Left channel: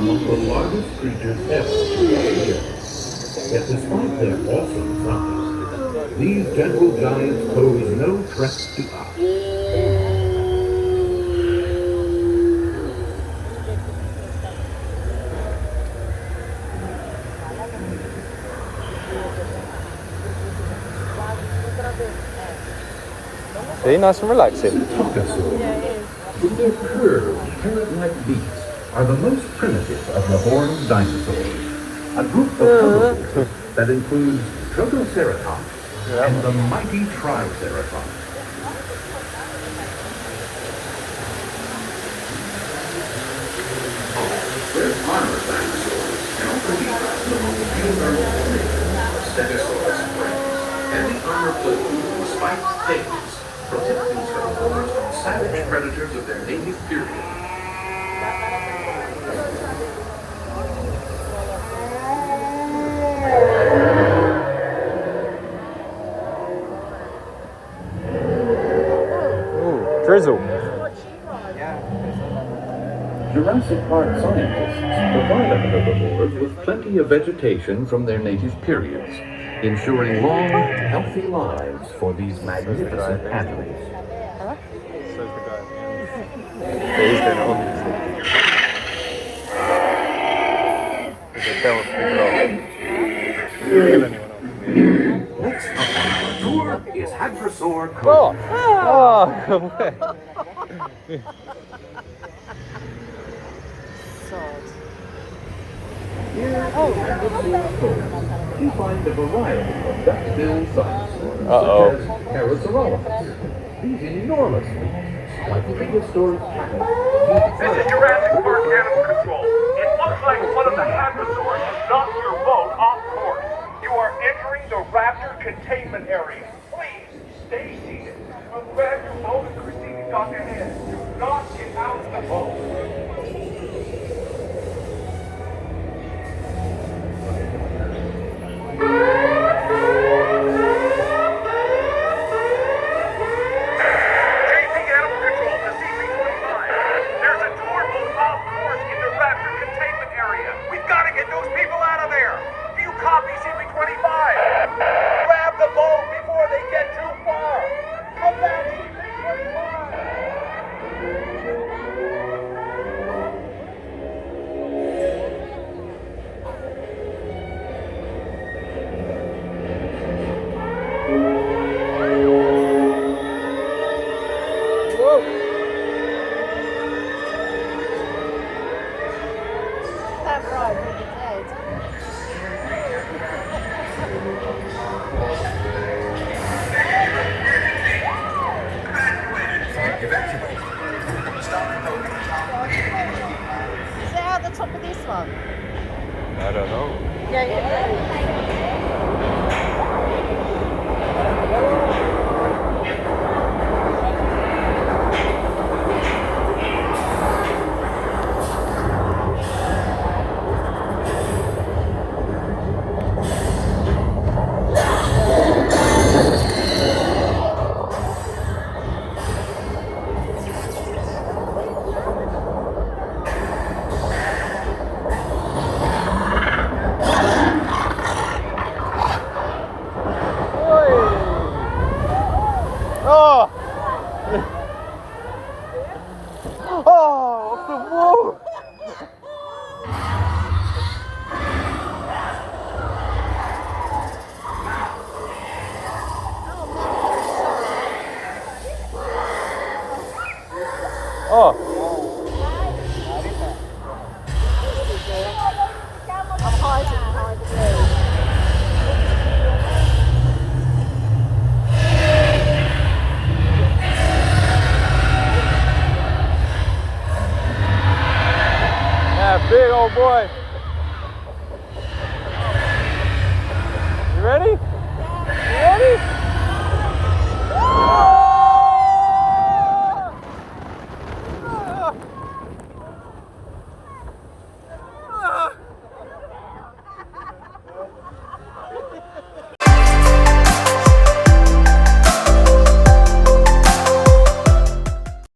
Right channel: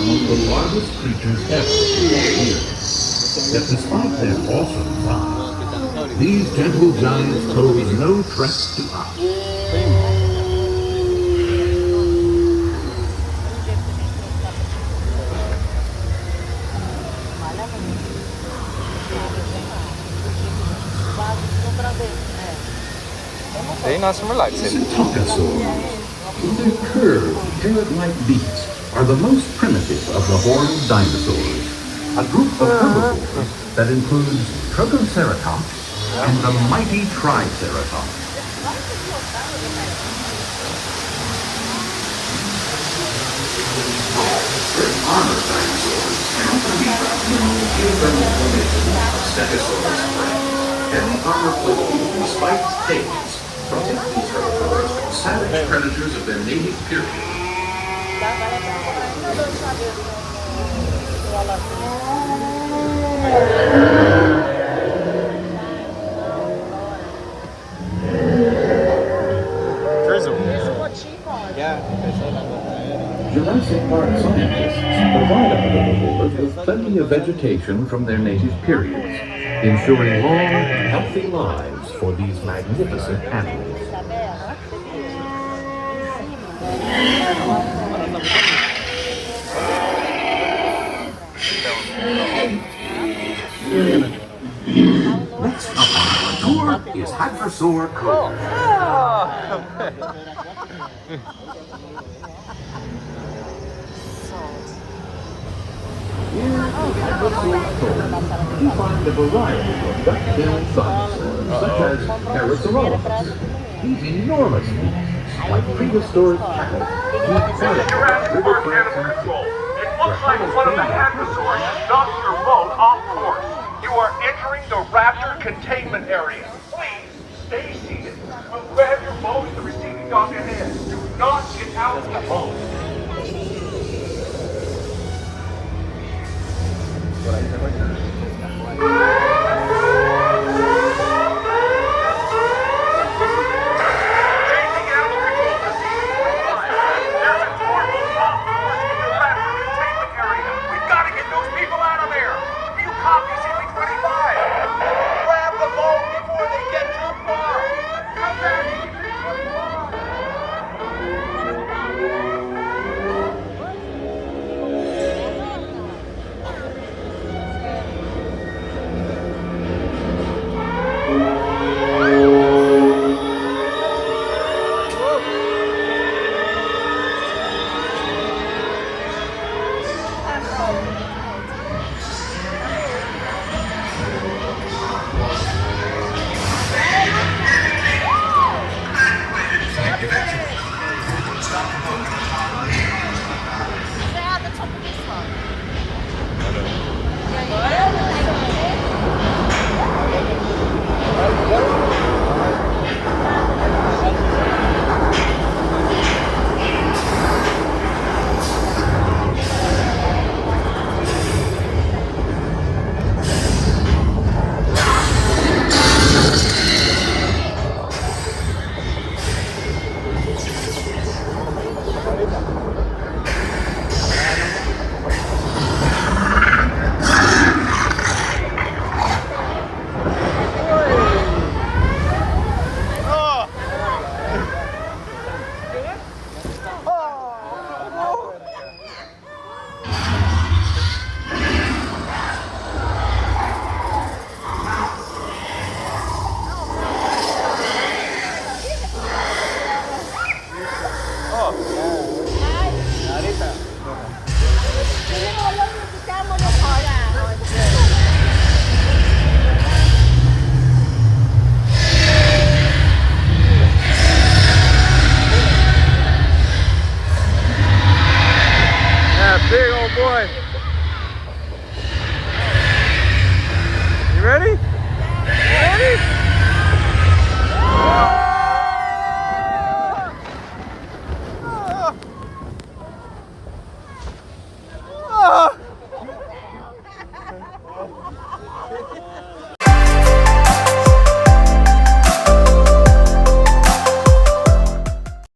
the largest creatures ever to live here. Yet despite their awesome size, these gentle giants pose no threat to us. See, nice and relaxing. Psittacosaurs, with their curved, parrot-like beaks, are the most primitive of the horned dinosaurs. A group of herbivores that includes Triceratops and the mighty Triceratops. Great armored dinosaurs can also be found in the geothermal formation of Stegosaurus springs. Heavy armor plating and spiked tails protect these herbivores from savage predators of their native period. Drizzle. Jurassic Park scientists provide our herbivores with plenty of vegetation from their native periods, ensuring long, healthy lives for these magnificent animals. Next up on our tour is Hadrosaur Cove. Here at Hadrosaur Cove, we find a variety of duck-billed bugs, such as Parasaurolophus. These enormous beasts, like prehistoric cats, keep quiet Jurassic river Park plants Animal and Control. It looks like one of the hadrosaurs has knocked your boat off course. You are entering the raptor containment area. Please stay seated. We'll grab your boat at the receiving dock and in. Do not get out of the boat. I don't know. Big old boy. You ready?